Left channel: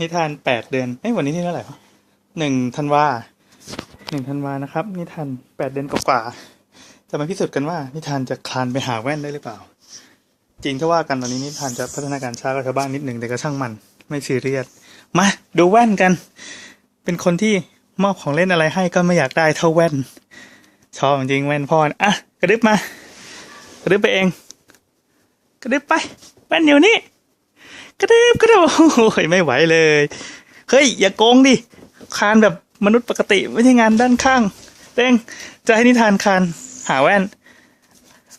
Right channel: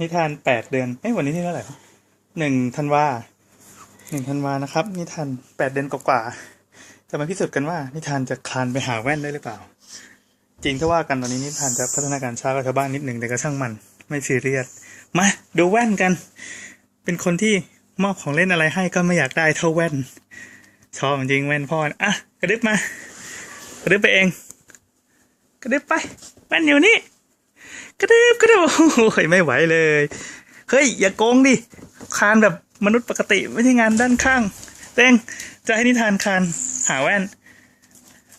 นิทานแปดเดือนเอ้วันนี้ที่เท่าไหร่วะหนึ่งธันวาหนึ่งธันวานะครับ นิทานแปดเดือนกว่าจะมาพิสูจน์กันว่า นิทานจะคลานไปหาแว่นได้หรือเปล่า จริงถ้าว่ากันตอนนี้นิทานจะพัฒนาการช้ากว่าชาวบ้านนิดหนึ่งแต่ก็ช่างมันไม่ซีเรียสมาดูแว่นกัน เป็นคนที่มอบของเล่นอะไรให้ก็ไม่อยากได้เท่าแว่น ชอบจริงแว่นพ่อนะอะกระดึบมากระดึบไปเอง กระดึบไปแว่นอยู่นี่ กระเดึบกระเดึบโอ้ยไม่ไหวเลย เฮ้ย อย่าโกงดิ คานแบบมนุษย์ปกติไม่ใช่งานด้านข้างเต้งจะให้นิทานคานหาแว่น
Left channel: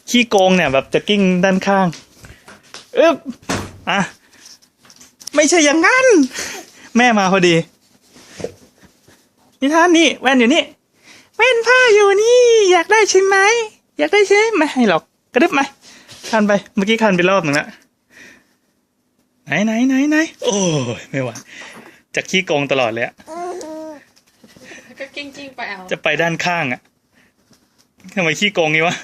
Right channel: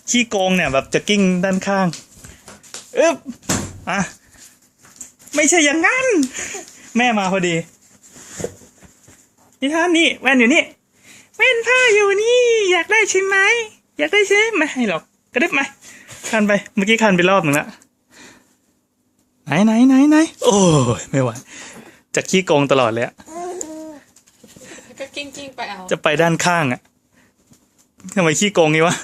ขี้โกงเนี่ยแบบจะกิ้งด้านข้างอึ๊บอะไม่ใช่อย่างนั้น แม่มาพอดี นิทานนี่แว่นอยู่นี่แว่นผ้าอยู่นี่ อยากได้ใช่ไหมอยากได้ใช่ไหมไม่ให้หรอกกระดึบมาคันไปเมื่อกี้คันไปรอบหนึ่งละ ไหนไหนไหนไหนโอ้ยไม่ไหวจะขี้โกงตลอดเลยอะก็กิ้งกิ้งๆไปเอา จะไปด้านข้างอะทำไมขี้โกงงี้วะ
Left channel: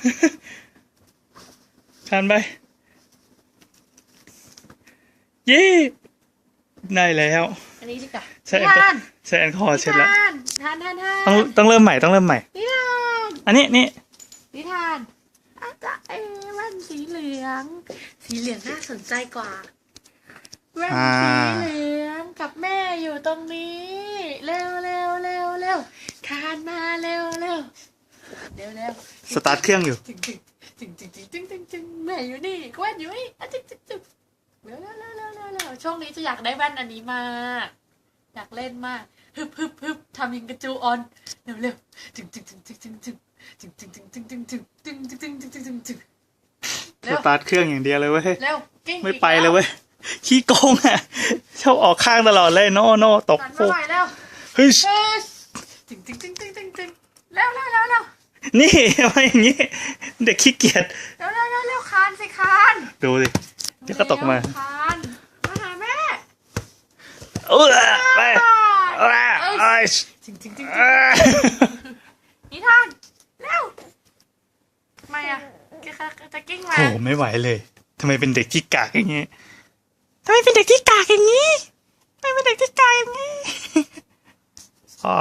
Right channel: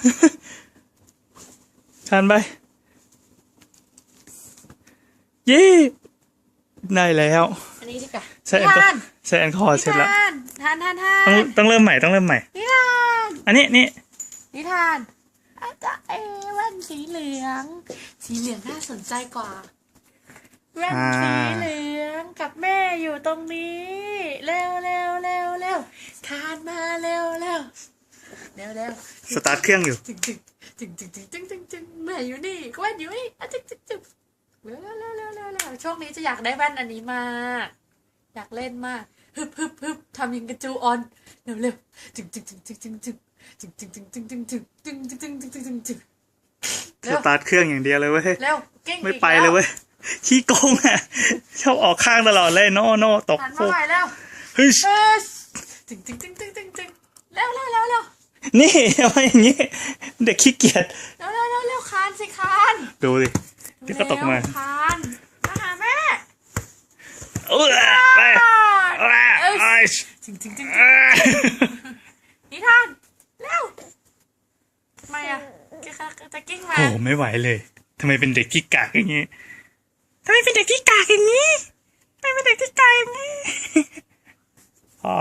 คันไป เย้ได้แล้ว อันนี้ดีกว่าใช่แอลกอทานใช่แอลกอฮอล์เช็ดแล้วทานทานทานทานต้องต้องเริ่มใหม่ต้องเริ่มใหม่ นิทาน อันนี้นี่นิทานอาจารย์เอ้แว่นสีเหลือง สีเหลืองน่าสนใจกว่า แว่นสีเหลืองกับแม่อยู่ตรงนี้ เร็วเร็วเร็วเร็วคานมาเร็วเร็วเร็วเร็วสตาร์ทเครื่องอยู่จึงจึงจึงจึงจึงจึงจึงจึงแม่อยู่นี่แว่นอยู่นี่อะจึงจึงจึงเร็วเร็วเร็วเร็วเร็วเร็วช่วงนี้จะอยากได้แว่นอันนี้มากอยากเล่นมากฮึบฮึบฮึบทำยิงกระจูออนเร็วเร็วจึงจึงจึงจึงจึงจึงจึงจึงจึงจึงจึงจึงจึงจึงจึงจึงจึงจึงจึงสตาร์ทเครื่องอย่างเดียวเลยเว้ยเร็วเก่งไม่ไปเลยเว้ย ขี้โกงอะชอบออกข้างตลอดเลยโน่โน่ตกหันโป๊มากหน่อยเร็วเฮ้ยฮึชจึงจึงจึงจึงจึงจึงเร็วเร็วเร็วเร็วนี่ทำไมอย่างงี้ เด็กขี้เกียจเร็วเร็วเร็วเร็วคานสิคานดูดิเดี๋ยวก็ตกมาเร็วคานมาหาแม่เออไปเออเอ้ยจริงจริงจริงเออนิทาน เร็วทำไมอะแกจะกิ้งไงโอ้โหไม่ไหวเลยทำไมเป็นเด็กขี้กากอย่างงี้ ทำไมเป็นเด็กที่กากอย่างนี้ทำไมเป็นเด็กที่กากอย่างนี้พ่อ